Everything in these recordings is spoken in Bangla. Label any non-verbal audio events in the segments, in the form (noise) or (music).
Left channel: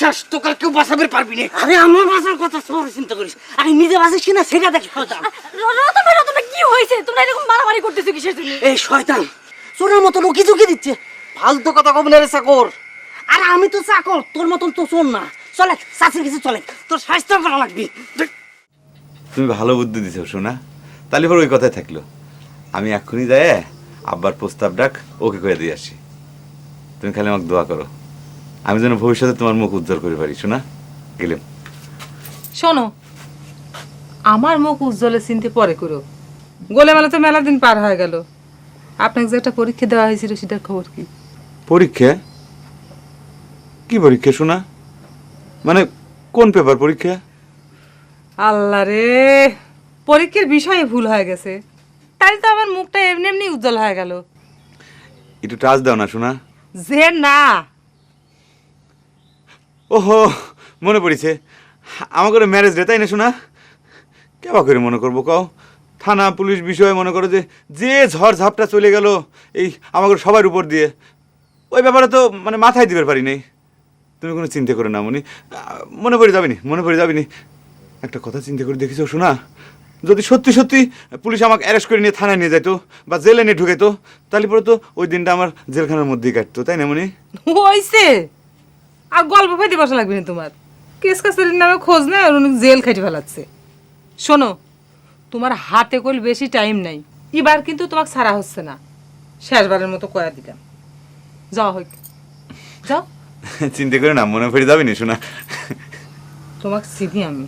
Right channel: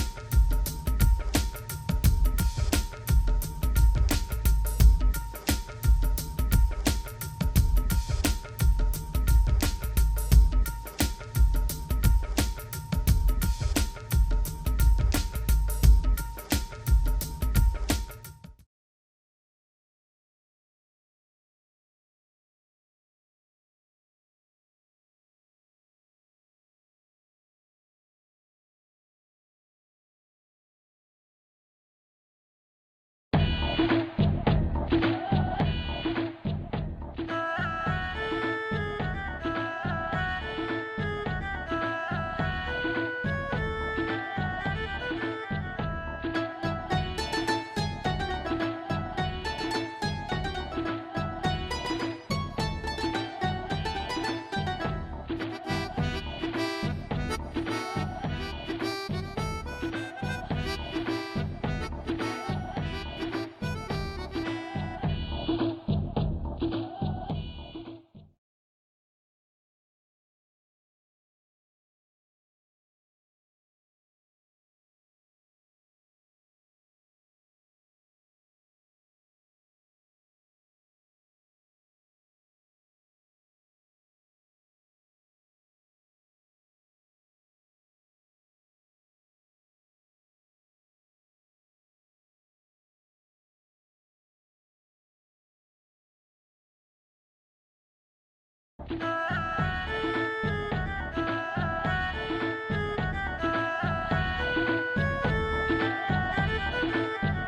বিশ্বাস তোকে কেউ বাঁচাবে পারবি না আরে আমার বাঁচার কথা তোমার চিন্তা করিস। আমি নিজে বাঁচিস কিনা সেটা দেখ শয়তান। ভাই কি হয়েছে? তোমরা এরকম মারামারি করতেছো কিসের জন্য? এই শয়তান চোরের মতো উকি ঝুঁকি দিচ্ছে। ফালতু কথা কব না রে চাকর। আরে আমি তো চাকর তোর মতন তো চোর না। চলে চাষির কিছু চলে। তোর স্বাস্থ্য করা লাগবে। তুমি ভালো বুদ্ধি দিছো শোনা তাহলে পর ওই কথাই থাকল। আমি এক্ষুনি যাই আব্বার প্রস্তাব ডাক ওকে করে দিয়ে আসি। তুমি খালি আমাকে দোয়া করো। আমি যেন ভবিষ্যতে তোমার মুখ উজ্জ্বল করে পারি শোনা? গেলাম শোনো আমার মুখ উজ্জ্বলে চিনতে পরে করো। গোলে মেলা তো মেলা দিন পার হয়ে গেল। আপনাকে যে একটা পরীক্ষা দেওয়া হয়েছিল সেটা খবর কি? পরীক্ষা? কি পরীক্ষা শোনা? মানে কোন পেপার পরীক্ষা? আল্লাহ রে পরীক্ষার বিষয়ে ভুল হয়ে গেছে। তাই তো আমার মুখটা এমনি এমনি উজ্জ্বল হয়ে গেল। একটু টাচ দাও না শোনা। যে না ওহো, মনে পড়েছে। আমার করে ম্যারেজ ডে তাই না শোনা কেবা করে মনে করব কও? থানা, পুলিশ বিষয়ে মনে করো যে যে ঝড় ঝাপটা চলে গেল এই আমাকে সবার উপর দিয়ে, ওই ব্যাপারে তো মানে মাথায় দিবার পারি নাই। তুমি কোনো চিন্তা করে না মনি মনে পড়ে যাবিনি, মনে পড়ে যাবিনি। একটা কথা চিন্তা করে দেখিছো শোনা যদি সত্যি সত্যি পুলিশ আমাকে অ্যারেস্ট করে নিয়ে থানায় নিয়ে যেত বা জেলে নিয়ে ঢুকেতো তাহলে পরে তো ওই দিনটা আমার জেলখানার মধ্যেই কাটতো, তাই না মনি হইছে। আর গল্প ফাইতে বসা লাগবে না তোমার। কেস কাছারির নামে খোঁজ নেয় আর উনি জেল খাইতে ফেলাচ্ছে। শোনো তোমার হাতে কল বেশি টাইম নাই। এবার কিন্তু তোমাকে ছাড়া হচ্ছে না। শেষবারের মতো কয়া দিলাম। যাও হই যাও। চিন্তা করে না মনে পড়ে যাবিনি শোনা। তোমাকে চিনি আমি।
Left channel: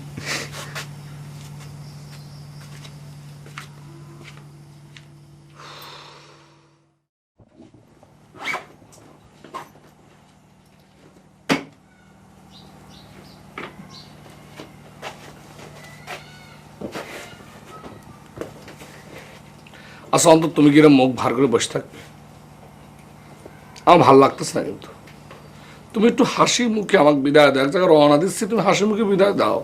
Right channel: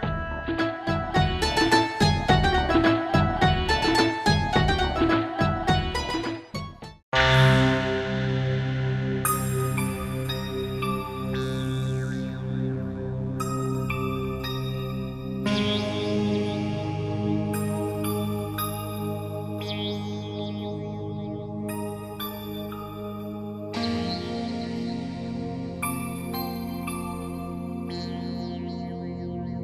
আচ্ছা অন্তত তুমি কি মুখ ভার করে বসে থাকবে আমার ভালো লাগতেছে না কিন্তু। তুমি একটু হাসি মুখে আমাকে বিদায় দাও। এক জায়গায় রওনা দিচ্ছি তুমি হাসি মুখে বিদায় দাও।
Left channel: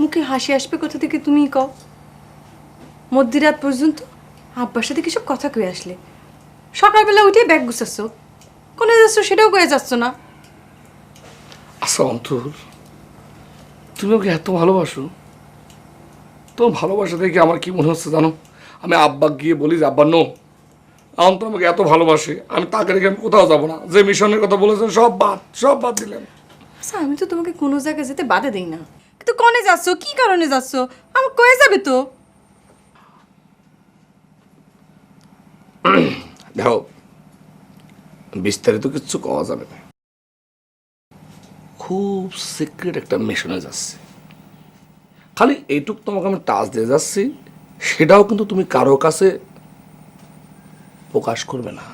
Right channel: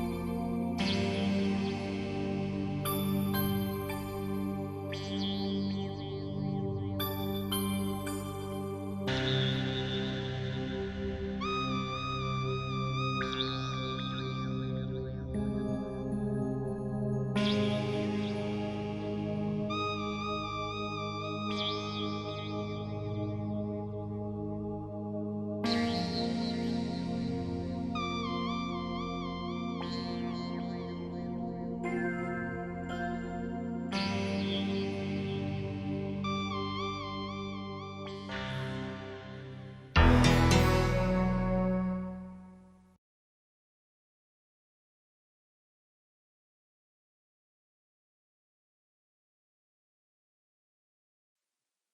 মুখে হাসি আসবে কোথা থেকে তুমি কও? মধ্যরাত পর্যন্ত আব্বার সাথে কিছু কথা কয়ে আসলে? সকালবেলা উঠে ব্যাগ গুছাচ্ছ। কোনে যাচ্ছ সেটাও কয়ে যাচ্ছ না। আচ্ছা অন্তর তুমি ওকে এত ভালোবাসো? তোমার ভালোবাসা দেখে আমার কি মনে হচ্ছে জানো? আমি আব্বা গিয়ে বলি যে আব্বা নো। আমি তো আমাকে এত ভালোবাসে আমি তাকে রেখে আমি কোথাও যাব না। যে মিশনের কথা বলেছেন সব বাদ সব বাদ দিলাম। আচ্ছা আমি তো তোমাকে কোনো জায়গায় যেতে বাধা দিই না। কিন্তু কনে যাচ্ছ? কি কারণে যাচ্ছ? আমার কয়ে যাবে তো। দেখো বিস্তারিত কিছু কওয়া যাবে না। খুব সিক্রেট একটা মিশনে যাচ্ছে। খালি এইটুক তোমাকে আমি টাচ দিয়ে যাচ্ছি সেটাও কিন্তু তুমি কারও কাছে প্রকাশ করবে না।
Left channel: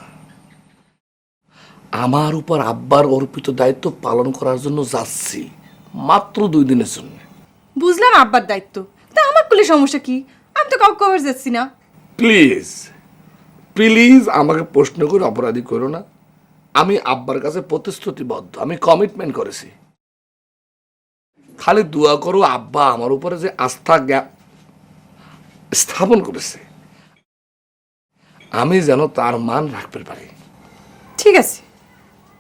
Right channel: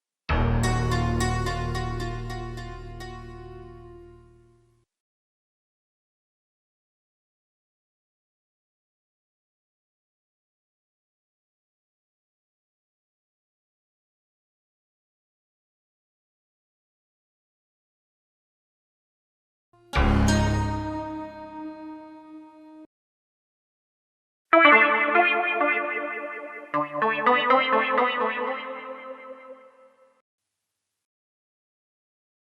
আমার উপর আব্বার অর্পিত দায়িত্ব পালন করার জন্য যাচ্ছি মাত্র দুই দিনের জন্য। বুঝলাম আব্বার দায়িত্ব। তা আমার কুলে সমস্যা কি? আমি তো কাউকে কভার যাচ্ছি না। প্লিজ প্লিজ আমাকে প্রশ্ন করে অপরাধী করো না। আমি আব্বার কাছে প্রতিশ্রুতিবদ্ধ আমি কমিটমেন্ট করেছি। খালি দোয়া করো আব্বা আমার উপরে যে আস্থা স্থাপন করেছে। আমি যেন তার মান রাখতে পারি। ঠিক আছে।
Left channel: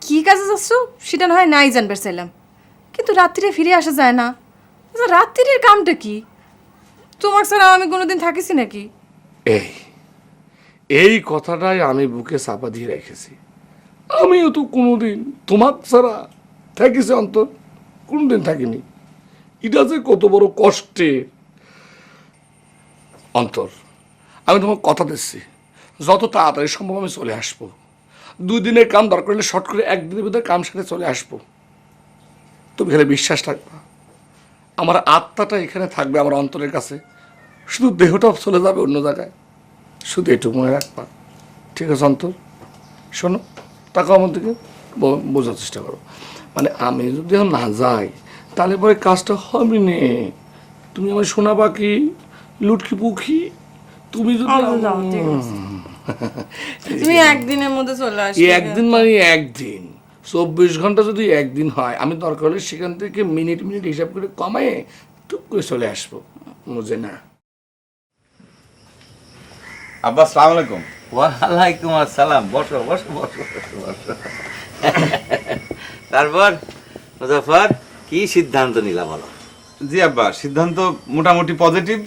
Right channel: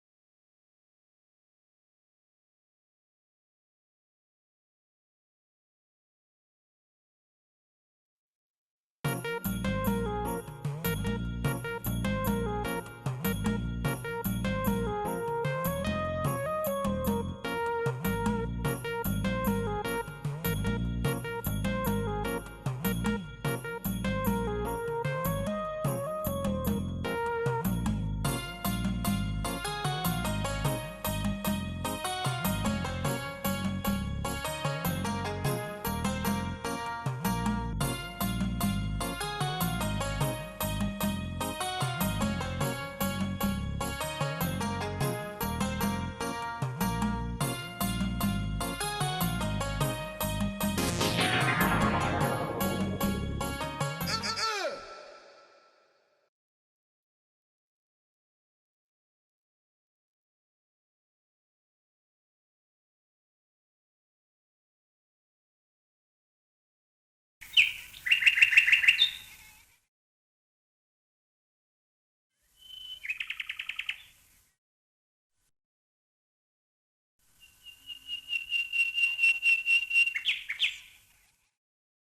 কি কাজে যাচ্ছ? সেটা না হয় নাই জানবার চাইলাম কিন্তু রাত্রিরে ফিরে আসা যায় না। আচ্ছা রাত্রির কামটা কি? তোমার ছাড়া আমি কোনোদিন থাকিছি নাকি? এই এই কথাটাই আমি বুকে চাপা দিয়ে রেখেছি। আমিও তো কোনোদিন তোমার ছাড়া থাকিছি অন্তর। কোনোদিন থাকিনি। এটা যে কত বড় কষ্টে অন্তর। আমি তোমাকে কথা দিচ্ছি। যত তাড়াতাড়ি সম্ভব আমি চলে আসব। দুই দিনের কাম দরকার হলে শর্ট করে একদিনের ভিতরে কাম সাথে চলে আসব। তুমি এখানে বিশ্বাস থাকবে। আমার আত্মাটা এখানে থাকবে আমার অন্তরের কাছে। শুধু দেহটাও চলে যাবে অন্য জায়গায়। শুধু এটুকু মনে রাখবা। ঠিক আছে, অন্তর? শোনো টাকা আমার দিকে বোঝার চেষ্টা করো। মানে আমি যদি না যাই, তাহলে পরে কাজটা হবে নে। তুমি শোনাবা কি? লুটকি পুখি? তুমি যদি (laughs) তুমি একদিনের মধ্যে চলে এই একদিন মানে একদিন। চব্বিশ ঘণ্টা যদি একদিন হয় আমি দরকার হলে সেখান থেকে মিনিট মিনিট হিসাব করে কমায়ে টুক করে চলে আসব। বুঝে না? আব্বা আসসালামু আলাইকুম। ওয়ালাইকুম আসসালাম। বসো বসো বসো বসো বসো। তারপর মুজাফর কি সিদ্ধান্ত নিলা বলো? জি আব্বা সিদ্ধান্ত মোটামুটি পজিটিভ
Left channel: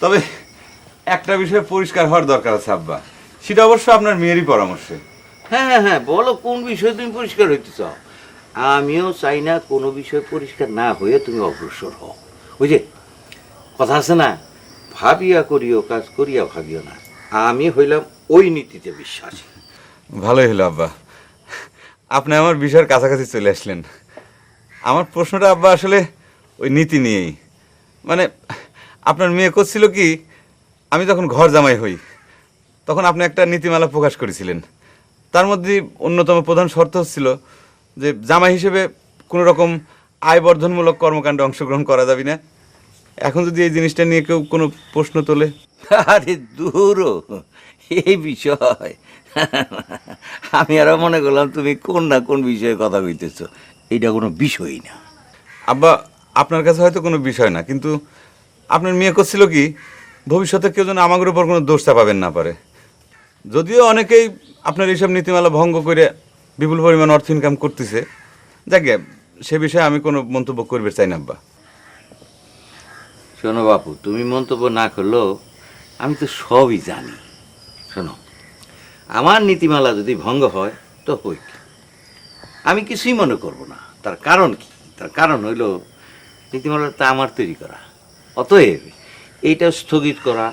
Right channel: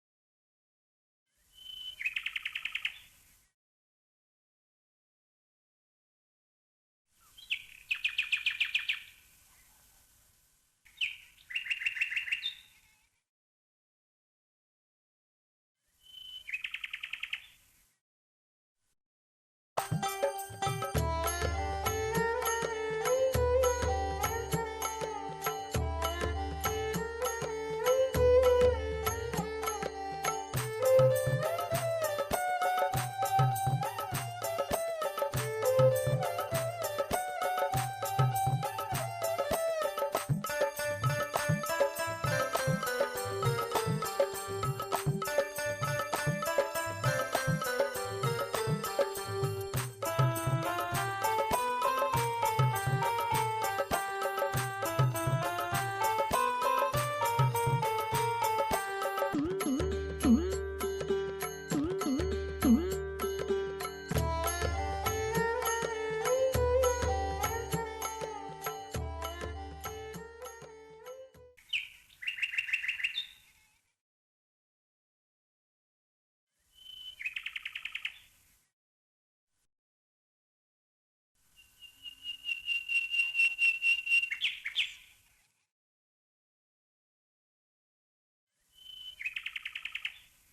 তবে একটা বিষয়ে পরিষ্কার হওয়ার দরকার আছে আব্বা। সেটা অবশ্য আপনার মেয়েরই পরামর্শে। হ্যাঁ হ্যাঁ হ্যাঁ বলো কোন বিষয়ে তুমি পরিষ্কার হইতে চাও আমিও চাই না কোনো বিষয় পরিষ্কার না হয়ে তুমি অগ্রসর হও। ওই যে কথা আছে না? ভাবিয়া করিও কাজ করিয়া ভাবিও না। আমি হইলাম ওই নীতিতে বিশ্বাসী। ভালোই হলো আব্বা। আপনি আমার বিষয়ের কাছাকাছি চলে আসলেন। আমার প্রশ্নটা আব্বা আসলে ওই নীতি নিয়েই। মানে আপনার মেয়ে করছিল কি আমি যখন ঘর জামাই হই তখন আপনি একটা নীতিমালা প্রকাশ করেছিলেন। তার মধ্যে অন্যতম প্রধান শর্ত হচ্ছিল যে জামাই হিসেবে কোনো রকম আয় বর্ধনমূলক কর্মকাণ্ডে অংশগ্রহণ করা যাবে না। এখন যদি এই জিনিসটা নিয়ে কেউ কোনো প্রশ্ন তোলে? আরে দূর এই বিষয়। আমি আরও মনে করলাম তুমি কোন না কোন বিষয়ে কথা কইতেছো। এটা কোনো বিষয়ই না। আব্বা আপনার কাছে হয়তো কোনো বিষয় না কিন্তু আপনার মেয়ে করছিল কি, ভবিষ্যতে কেউ যেন আমাদের উপর কোনো দোষ চাপাবেন না পারে। যদিও অনেকেই আপনার এইসব নীতিমালা ভঙ্গ করে বিপুল পরিমাণ অর্থ ইনকাম করতেছে। যাকে সে বিষয়ে আমি কোনো মন্তব্য করবে চাই না, আব্বা। শোনো বাপু, তুমি মন্তব্য না করলেও আমি তো সবই জানি। শোনো, আমার নীতিমালা যদি ভঙ্গ হয়, তো হই আমি কিছুই মনে করব না। তার কারণ কি? তার কারণ হইল নীতিমালা তা আমার তৈরি করা। অতএব এইটা স্থগিত করা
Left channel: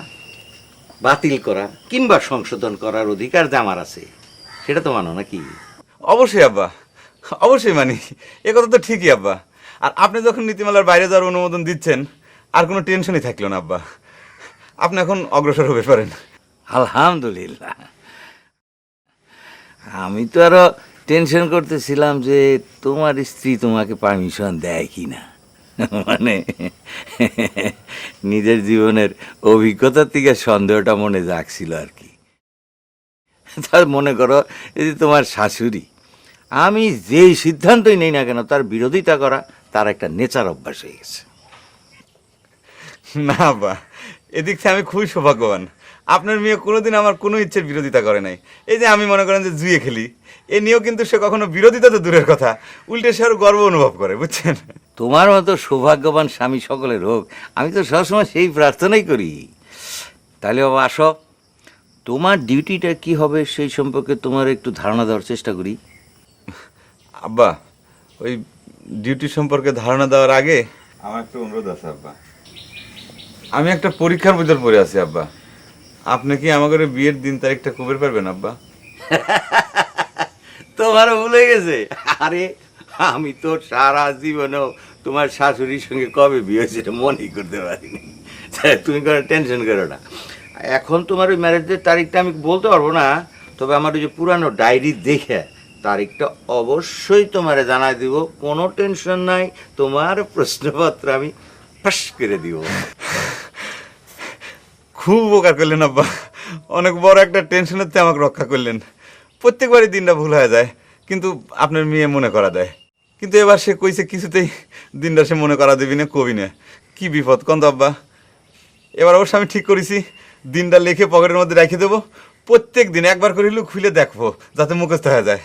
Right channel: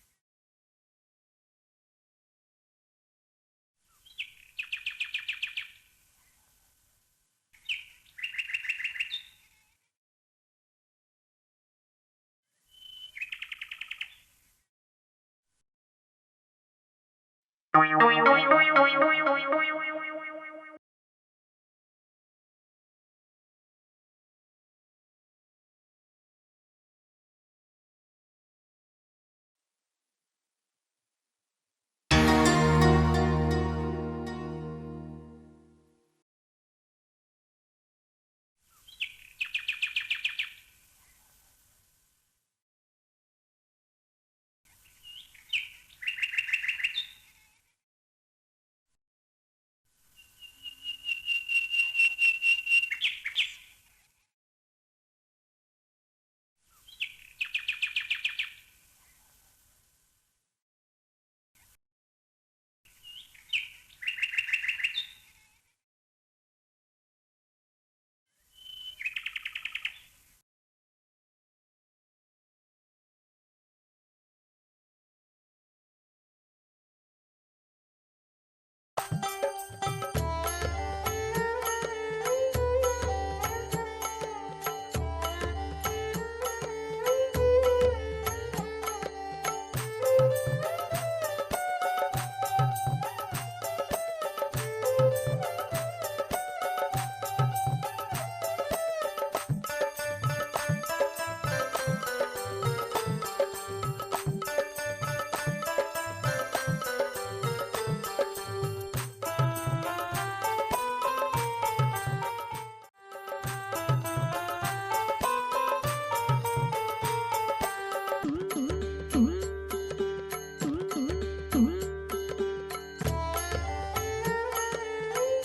বাতিল করা কিংবা সংশোধন করার অধিকার যে আমার আছে সেটা তো মানো নাকি? অবশ্যই আব্বা অবশ্যই মানি। এ কথা তো ঠিকই আব্বা। আর আপনি যখন নীতিমালার বাইরে যাওয়ার অনুমোদন দিচ্ছেন আর কোনো টেনশনই থাকল না আব্বা। আপনি এখন অগ্রসর হবে পারেন। আলহামদুলিল্লাহ। আমি তো আরও টেনশন করতেছিলাম যে তোমার স্ত্রী তোমাকে পারমিশন দেয় কি না (laughs) মানে নিজের জীবনের অভিজ্ঞতার থেকে সন্দেহটা মনে জাগছিল আর কি। তার মনে করো যে তোমার শাশুড়ি, আমি যেই সিদ্ধান্তই নেই না কেন, তার বিরোধিতা করা, তার একটা নেচার অভ্যাস হয়ে গেছে। না বা, এদিক থেকে আমি খুবই সৌভাগ্যবান। আপনার মেয়ে কোনোদিন আমার কোনো ইচ্ছের বিরোধিতা করে নাই। এই যে আমি মনে করেন যে জুয়ে খেলি, এ নিয়েও কিন্তু সে কখনো বিরোধিতা তো দূরের কথা, উল্টে সে আর গর্ব অনুভব করে, বুঝছেন? তোমার মতো সৌভাগ্যবান স্বামী সকলের হোক আমি তো সবসময় সেই প্রার্থনাই করি। তাহলে বাবা আসো। তোমার ডিউটিটা কি হবে সেই সম্পর্কে তোমার একটু ধারণা দেওয়ার চেষ্টা করি। আব্বা ওই ডিউটি সম্পর্কে ধারণা দেওয়ার আগে আমার একটা অনুরোধ আছে আব্বা। আমি একটা পরীক্ষার ভিতর পড়ে আছি আব্বা। আপনি কি আমাকে বিয়ের দিন তারিখটা কবে পারবেন আব্বা? তোমার ভুলে গেছে? আরে আমি তো সারা জীবনেও তোমার শাশুড়ির সঙ্গে কবে বিয়ে হয়েছে মনেই করতে পারিনি। তুমি কোনো টেনশন করো না। এখন তোমার ওই ম্যারেজের তারিখটা আমি বলতে পারব না, তবে আমার ওই যে পুরানো ডায়েরি দেখে তারিখটা অবশ্যই তোমারে জানাই দিব। কোনো টেনশন নাই, তোমার প্রশ্নপত্র আমি ফাঁস করে দিব। খুব উপকার করলেন আব্বা। অনেক বড় একটা টেনশনের থেকে আমাকে রক্ষা করলেন। প্রত্যেকবারই দিনটা ভুল হয়ে যায়, কিন্তু আপনার মেয়ে মনে করা দেয়। কিন্তু এবার সে কইছে কিছুতেই দিনটা সে মনে করা দেবি না কবি না। কি বিপদ কন্ত আব্বা? এবার অবশ্য আমি ঠিক করেছি দিনটা লিখে পকেটের মধ্যে রেখে দেবো। প্রত্যেক দিন একবার করে হলেও খুলে দেখব যাতে মুখস্থ হয়ে যায়।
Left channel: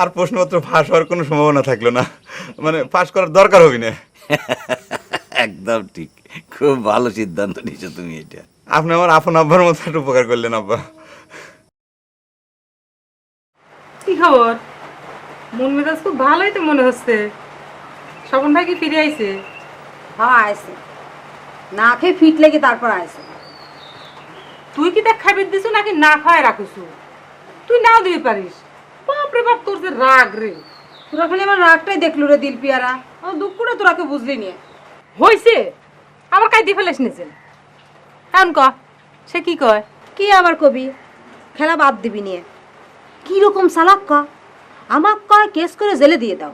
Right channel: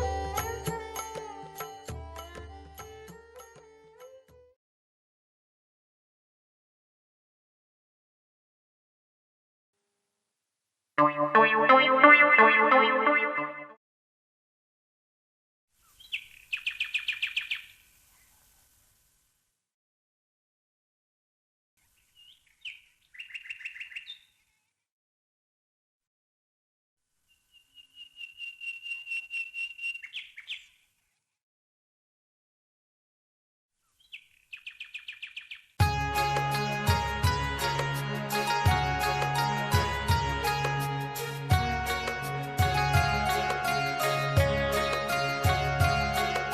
আর প্রশ্নপত্র ফাঁস হওয়ার কোনো সম্ভাবনা থাকল না। মানে ফাঁস করার দরকার হবি না। একদম ঠিক। খুব ভালো সিদ্ধান্ত নিয়েছো তুমি এটা। আপনি আমার আপন আব্বার মতো একটা উপকার করলেন আব্বা। কি খবর? মন মেজাজ খুব ভালোই তো মনে হচ্ছে। স্বপন ভাই কি ফিরে আইছে? হ্যাঁ আইসে না খেয়ে ফিট লেগে তারপর আইসে তুই কি দেখ খাইবে দিছু নাকি না খায় রাখিস তুই নাও দিতে পারিস। বাপরে বাপ তোর যে রাগ রে। তোরা খালি আমার রাগটাই দেখলু রে দিল পিয়ারা। আমার দুঃখটা তোরাকে বুঝলি নিয়ে হইছে? আবার কাইতে ফেলেছ নিছে এমন ক সে কি কয়? কি আবার কবি? খেলা বাদ দিবি নিয়ে কি রকম সালাক ক? আমার কয় কেস করে জেলে দিয়ে দাও।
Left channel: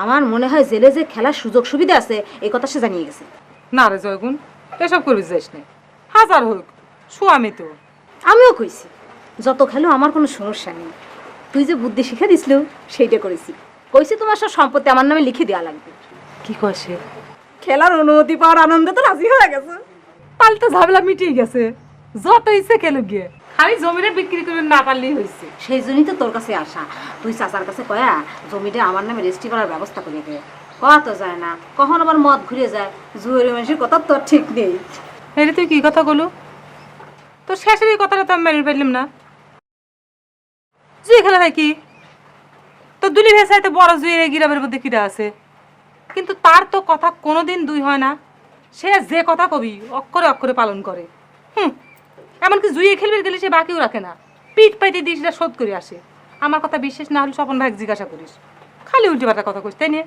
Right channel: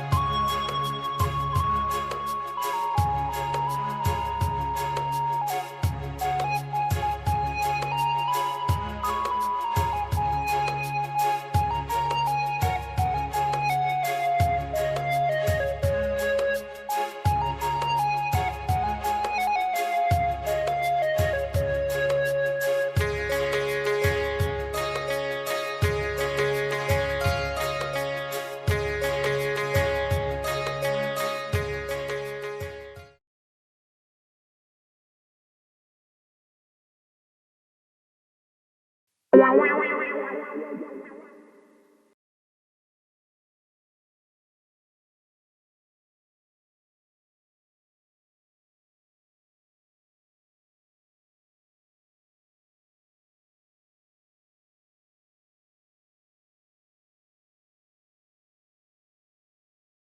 আমার মনে হয় জেলে যে খেলার সুযোগ সুবিধা আছে এই কথা সে জানিয়ে গেছে। না রে জয়গুন এসব করবি যাইস না হাজার হোক স্বামী তো। আমিও কইছি যত খেলো আমার কোনো সমস্যা নেই। তুই যে বুদ্ধি শিখে দিছিল সেইটা করেছি। কইছি তোমার সব সম্পত্তি আমার নামে লিখে দেওয়া লাগবে। কি সে খেলার অনুমতি পাওয়ার আনন্দে তো রাজি হয়ে গেছে। তো ঝামেলা মিটিয়ে গেছে। যত ইচ্ছে কেন গিয়ে খালি জমিনে বিক্রি করে না পারলেই হয়েছে। সেই জন্যই তো তোর কাছে আসা। তুই চাচার কাছে কয়া জমিটা আমার নামে রেজিস্ট্রি করার ব্যবস্থা করে দে। কয়া তো যায় না, কখন আবার মদ ঘুরে যায়? জুয়ের মানুষের কথা তোর ঠিক নেই। হেরে তুই কি কথা বলো তোর শেষের এই কথাটা তো আমি মেনে পারলাম না। জুয়ে খেলা হয় কি তো দুলি ভেসাইতে বড় জুয়ের এই গিরামের মধ্যে কিরা আছে। কিন্তু তার তো কথা কোনোদিন দুই হয় না। সে যে কথা কবি, অক্ষরে অক্ষরে পালন করে। হুম, এমনকি জুয়ে খেলবে গেলে সে বাকিও রাখে না। পিঠ পাইতে দিয়ে সেটা শোধ করে আসে। আমার কথা বিশ্বাস না হলে স্বপন ভাই জিজ্ঞাসা করিস। খালি উল্টে পাল্টা কথা কইস তাই নিয়ে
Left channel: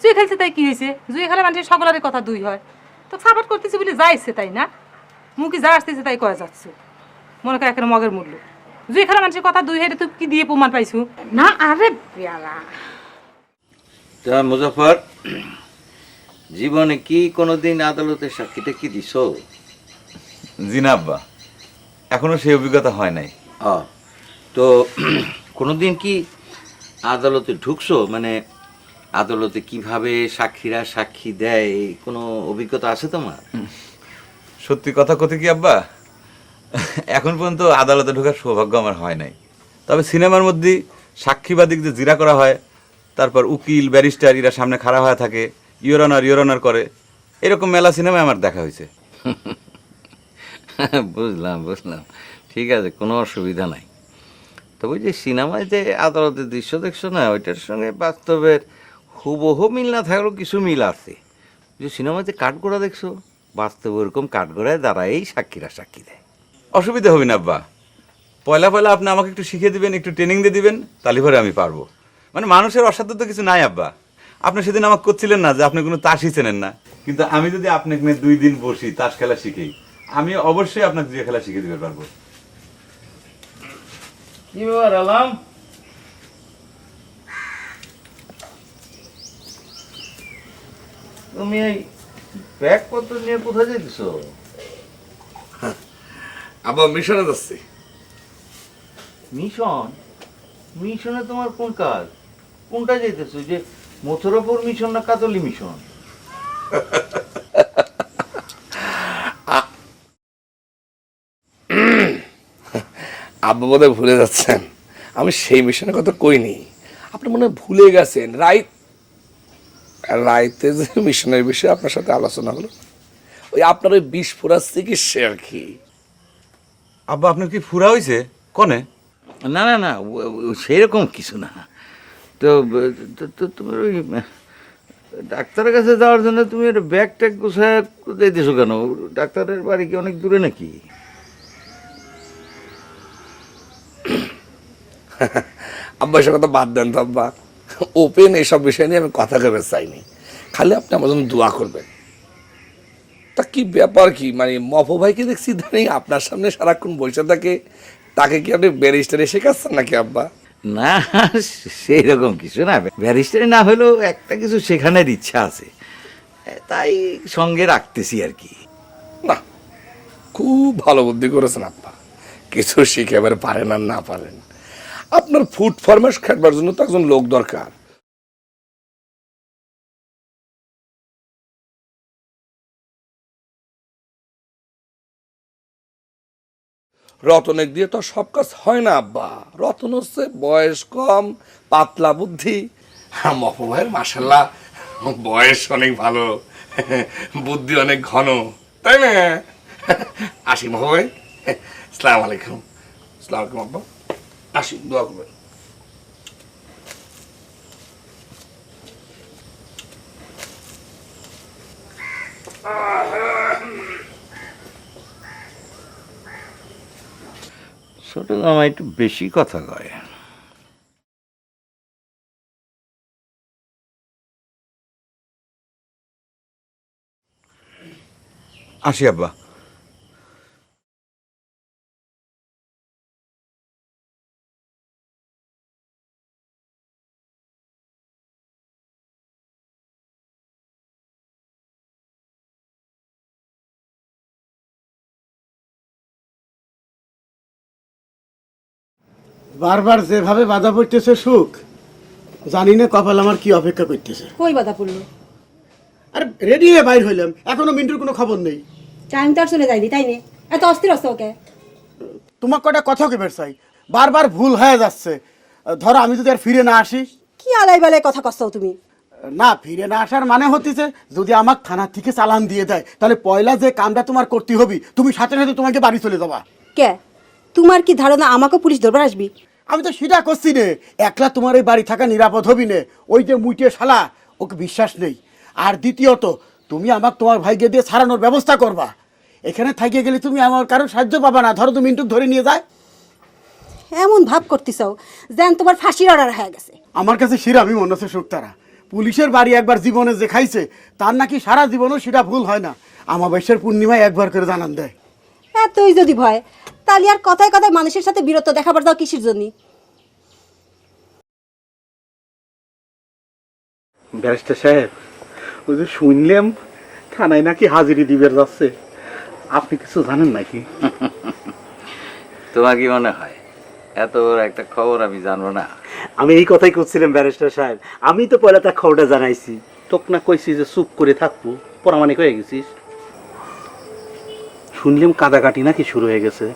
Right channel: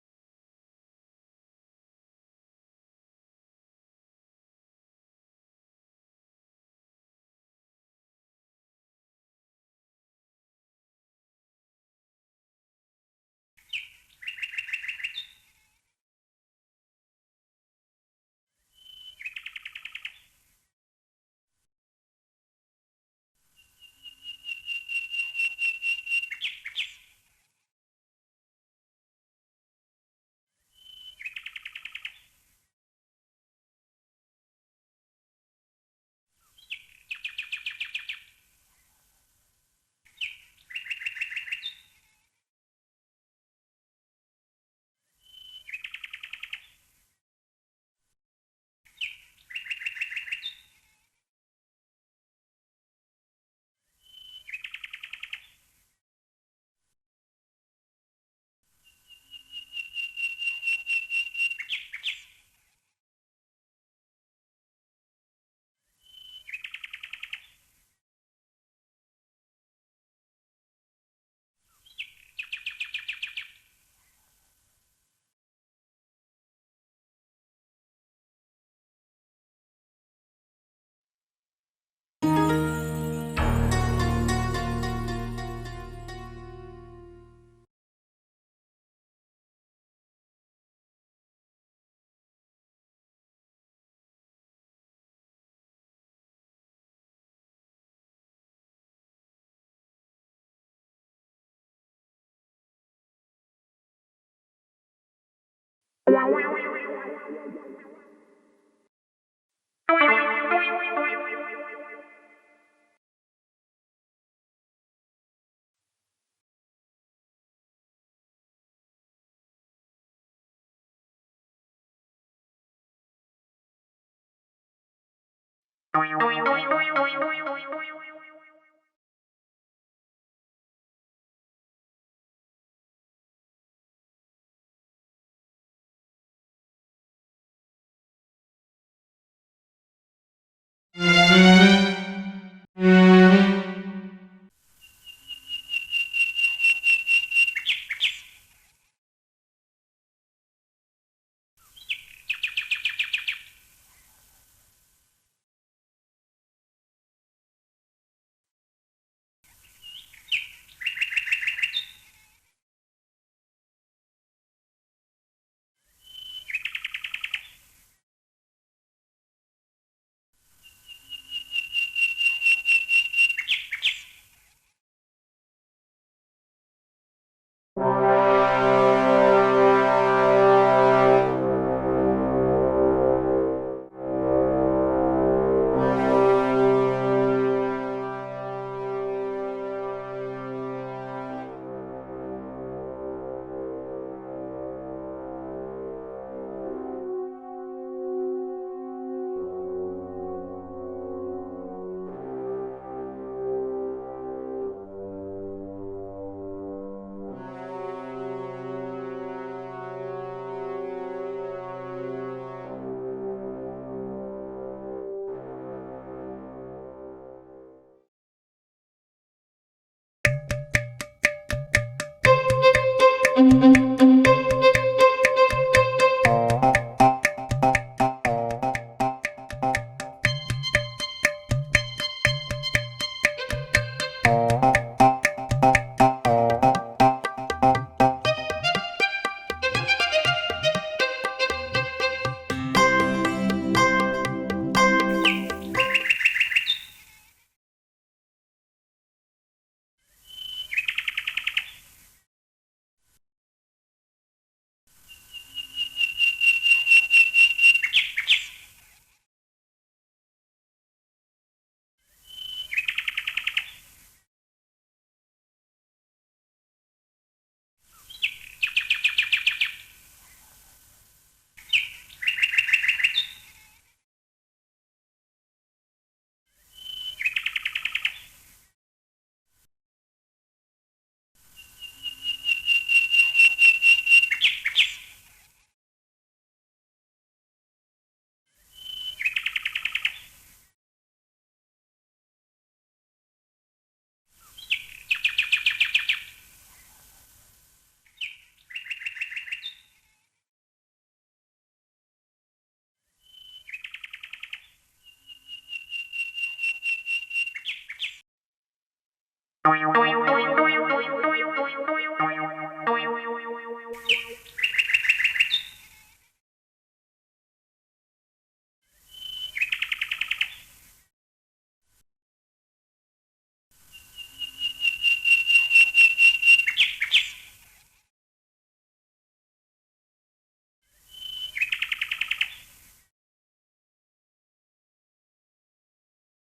জুয়ে খেলছে তাই কি হয়েছে জুয়ে খেলে মানুষের সকলেরই কথা দুই হয়। তো সাপোর্ট করতেছি বলে যাইছে তাই না? মুখে যা আসতেছে তাই কয়া যাচ্ছে? মনে করে একের মগের মূল্য। জুয়ে খেলা মানুষের কথা দুই হেঁটে তুই কি দিয়ে প্রমাণ পাইছু? না আরে পেয়ালা তা মুজফর জীবনে কি কোনোদিন আদালতে সাক্ষীটা কি দিছ? জি না আব্বা এখনও সেই অভিজ্ঞতা হয় নাই। তো (clears throat) কোনোদিন কি আদালতে ঢুকছো? মানে আদালতে কীভাবে সাক্ষীরা সাক্ষী দেয়? কোনো অভিজ্ঞতা আছে তোমার? সত্যি কথা কথে কি আব্বা? এখন পর্যন্ত আদালতে ঢোকার সৌভাগ্য আমার হয় নাই। তবে সিনেমার মধ্যে সাক্ষীবাদী যে জিরা করা হয় তারপর উকিল ব্যারিস্টার এরা সামনে খাড়া হয়ে থাকে ইয়োরানার ইয়োরানার করে। এরকম মেলা সিনেমায় আমার দেখা হয়েছে। (laughs) বুঝলাম বুঝলাম। ঠিক আছে, কোনো অসুবিধা নাই। তবে যে সিনেমায় যে আদালতের দৃশ্য দেখছ না, ওইটার সঙ্গে বাস্তবের হুবহু মিল না থাকলেও কিছু মিল আছে। যে সিনেমায় যে কাঠগোড়া দেখছ, বাস্তবে ওরকম কাঠগোড়ায় দাঁড়াই সাক্ষীরা সাক্ষী দেয়। অসুবিধা হবে না, আব্বা। পয়লা পয়লা আপনি আমাকে একটু শিখিয়ে দিবেন, একটু ট্রেনিং দিয়ে দিবেন, তাহলে পরে আমি পারব। মানে মানুষের অসাধ্য তো কিছু নাই, আব্বা। আপনি সেদিন আমাকে করছিলেন না যে আপনি কোনো তাসই চেনেন না। কিন্তু আমি যদি আপনাকে দুই দিন বসি, তাস খেলা শিখি আমি অবশ্যই আপনাকে যে খেলা শিখে দিতে পারব। আলাম তুমি এই ব্যাগপত্র নিয়ে কোথায় যেতেছো আবার মিশনে যাচ্ছি। মিশন? মিশনে তোমার কোন কাজ? কোনটা যেতেছো যে মথুরাপুর মিশন না কাতলি মিশন? (laughs) আব্বা বোধহয় ভুলে যাচ্ছেন। আমি সেই মিশনের কথা কইনি। আপনি মনে হয় ভুলে গেছেন। রাইত রাইতে যে মিশনের বিষয়ে আপনার সাথে আলোচনা হলো ওই আপনার ওই বিষ ফোড়ার চিকিৎসা আর কি। আব্বা আপনার কি ফুরা হয়েছে কনে? না না না সেরকম কিছু না। তো তুমি ওই ডাক্তারের কাছে যাওয়ার জন্য তুমি একটা ব্যাগ ট্যাগ গোছায় দিছো কেন? ডাক্তারের বাড়ি কি অনেক দূরে নাকি? আব্বা এসব কথা বাদ দেন তো আব্বা। ওপেন এইসব বিষয় নিয়ে আমি কথা কেবে চাইনি। খালি আপনি আমার জন্য দোয়া করবেন। তা কি ব্যাপার কি? মানে মফো ভাইকে দেখছি ইদানিং আপনার সামনে সারাক্ষণ বসে থাকে। তাকে কি আপনি ব্যারিস্টারে শেখাচ্ছেন নাকি আব্বা? না সেই রকম কিছু না। ব্যারিস্টারি না হলেও একটা কিছু শেখানোর ইচ্ছা আছে। তাই সঙ্গে রাখতেছি আর কি। না খুব ভালো বুদ্ধি করেছেন আপা কিছু শিখে এবার পারেন আর না পারেন। আপনার ফুড ফরমেশ খাটবার জন্য তো একজন লোক দরকার। রতনের দিয়ে তো সব কাজ হয় না, আব্বা। রতন হচ্ছে বয়স কম, পাতলা বুদ্ধি। আর মফু ভাইয়ের মাসাল্লাহ বয়স অনেক ভালো, বুদ্ধি অনেক ঘন, তাই না? আসি মফু ভাই সালাম আলাইকুম। সালাম আলাইকুম, আব্বা। আসি দোয়া করবেন। ছোট জামা একটু বেশি কথা কয়। আসি আব্বা। বারবার যেভাবে বাধা পড়তেছে সুখ জানি না কপাল আমার কি অপেক্ষা করতেছে। কই বাধা পড়ল? আরে রেডি হয়ে বাইর হইলাম এখনও মিন্টুর কোনো খবর নেই। টাইম তার চলে যায়নি তাই নে? এত অস্থির অস্ত ওকে? তোমার কটা কথা কেবার চাই বারবার ভুল হয়ে যাচ্ছে। ধরো আমি যদি আর ফিরে না আসি? কি আলাই বালাই কথা কষ্ট তুমি? না ফিরে না আসার মানে হচ্ছে যদি আমাকে থানা থেকে চালান দিয়ে দেয় তাহলে পয়লা যে কামটা তোমার করতে হবে তুমি সাথে সাথে তোমাকে বাড়ি চলে যাবা। কে? তোমার কি ধারণা আমাকে পুলিশ ধরবার আসবি? আমি তো সেটা করছি রে একলা তোমার এই বাড়ি থাকা নিরাপদ হবি নে। ওই যে মুইটে শালা ওকে বিশ্বাস নেই। আর দ্বিতীয়ত তুমি আমাকে তোমার ভাইকে দিয়ে ছাড়ানোর ব্যবস্থা করবা। এখানে থাকিয়ে গেলে তুমি আমার কারও সাহায্য পাবা না। ধরো তুমি মিন্টুক ধরে নিয়ে যায়। এমন ভাব করতেছ যেন তোমার ফাঁসির অর্ডার হয়ে গেছে। আমার কাছে শিরামি মনে হচ্ছে সুক্তারা। পুলিশের বাড়ি একবার জীবনে যে খাইছে তার নাকি সারা জীবনও সেটা ভুল হয় না। আমাবস্যার পূর্ণিমায় একবার করে জানান দেয়। এতই যদি ভয় তাহলে আর কথায় কথায় মানুষের সাথে বিরত দেখাবার দাও কিসের জন্য? ব্যারিস্টার সাহেব ওই যে শুনলাম থানায় নাকি হাজিরি দিবের যাচ্ছে। আপনি কিছু জানেন নাকি? তোমার কি মনে হয়? এত বড় একটা খবর আমি জানব না। আমি এই কথাই করছিলাম ব্যারিস্টার সাহেব। আমি তো পয়লা তার খবরটা জানাইছি। তোক না কইছি যে চুপ করে থাকব পরামানিক হয়ে গেছিস। শুনলাম কাদাকাটি নাকি শুরু হয়ে গেছে।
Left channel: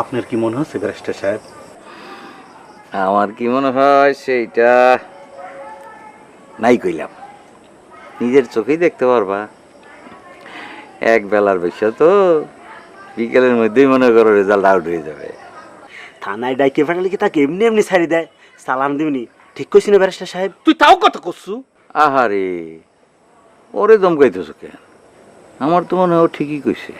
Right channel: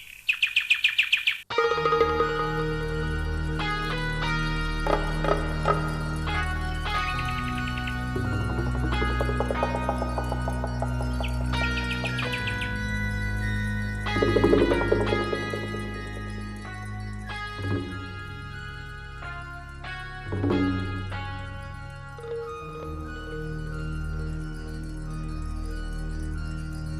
আপনার কি মনে হচ্ছে ব্যারিস্টার সাহেব? আমার কি মনে হয় সেইটা নাই কইলাম। নিজের চোখেই দেখতে পারবা। এক বেলার বিষয় তো বিকেলের মধ্যেই মনে করো রেজাল্ট আউট হয়ে যাবে। থানায় ডাইকে পাঠালে কি তাকে এমনি এমনি ছাড়ি দেয়? সালাম দিবনি। ঠিক কইছি না ব্যারিস্টার সাহেব? তুই তাও কথা করছু আহারে ওরে দমকাইতেছো কেন? আমার তো মনে হয় ও ঠিকই কইছে।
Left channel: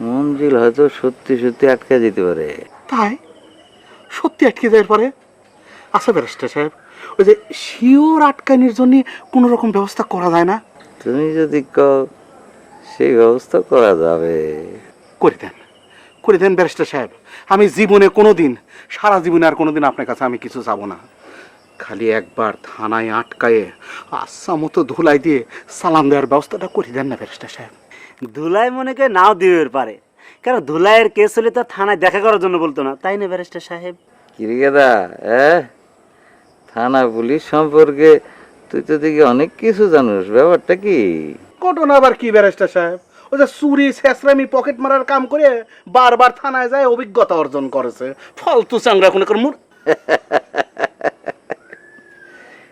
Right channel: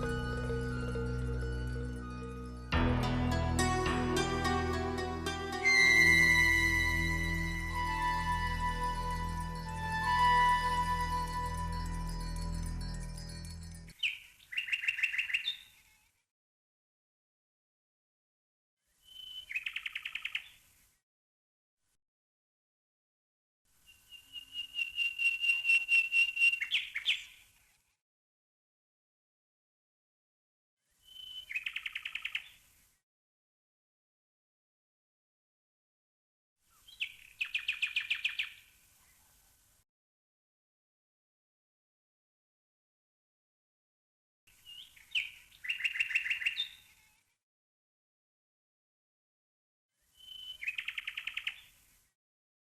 মঞ্জিল হয়তো সত্যি সত্যি আটকে যেতে পারে। তাই? সত্যি আটকে দেওয়ার পরে? আচ্ছা ব্যারিস্টার সাহেব ওই যে শিওর আটকানির জন্য কোনো রকম ব্যবস্থা করা যায় না? তুমি যদি কও সেই ব্যবস্থা করা যাবে। করে দেন করে দেন ব্যারিস্টার সাহেব। আমি জীবনে কোনো দিন সারা জীবনে আর কোনো দিন আপনার কাছে আমি কিছু যাব না। খালি একবার থানায় আটকায়ে আচ্ছা মতো ধুলাই দিয়ে সালাম দেওয়ার ব্যবস্থাটা করে দেন না ব্যারিস্টার সাহেব। ধুলাই মনে করে নাও দিবে পারে। কারণ ধুলাইয়ের কেস হলে তো থানায় দেখা করার জন্য বলতো না? তাই না ব্যারিস্টার সাহেব? কিরিকেদা এ? থানা পুলিশ সম্পর্কে তুই তো দেখি অনেক কিছু জানিস ব্যাপারটা কি? ঘটনা আবার কি ব্যারিস্টার সাহেব? ওই যে চুরি শেষরামি পকেট মারার কাম করে বারবার থানায় যায় অভিজ্ঞতা অর্জন করেছে। ফালতু চাংরা কোনো মুর (laughs)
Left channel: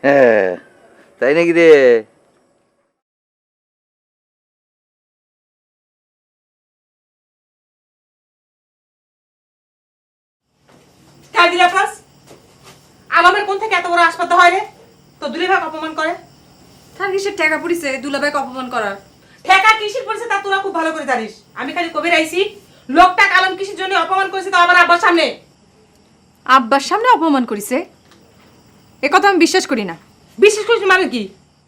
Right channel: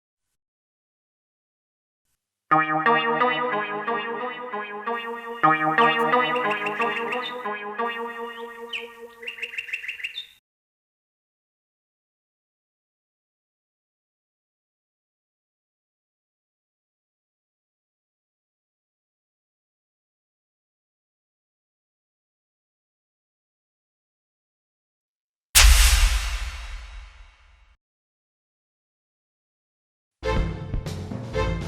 হ্যাঁ তাই নাকি রে? আলমের কোন থেকে এত বড় আসপাত হয় রে? তো দুলেভাগ অপমান করে। তার কিসের টাকা পড়িছে? দুলাভাইকে অপমান করার। ঠেকা কিসের পড়ছে তা তোরা খুব ভালো করে জানিস। আমি খালি কবির আইছি। লোকটা আলম কিসের জন্য অপমান করেছে তো আমার আব্বার সামনে। আব্বার সামনে অপমান করিছে? এ কথা আমি বিশ্বাস করি না। বিশ্বাস করিস মানে কি?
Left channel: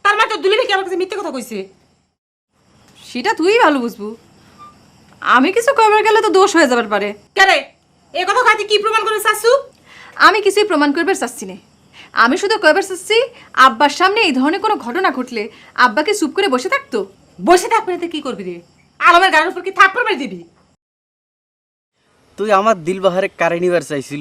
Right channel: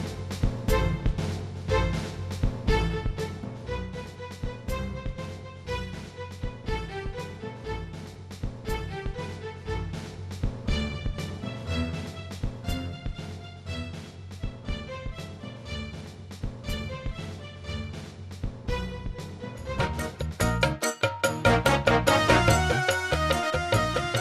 তার মানে তো দুলে ভাই আমার কাছে মিথ্যে কথা কইছে? সেটা তুই ভালো বুঝবু। আমি কিছু করবার গেলে তো দোষ হয়ে যাবার পারে। কেরে এ কথা খাতি কি প্রমাণ করে শাশু আমি কিছুই প্রমাণ করবার চাচ্ছি না। আমি শুধু কয়বার চাচ্ছি, আব্বার সামনে এই ধরনের কোনো ঘটনা ঘটলে আব্বাকে চুপ করে বসে থাকতো। বসে থাকবে না তো কি করবি রে? আলমের গানের উপর কি মেরে দিবি? তুই আমার দিল বাহারে কারে নিবার চাইছিল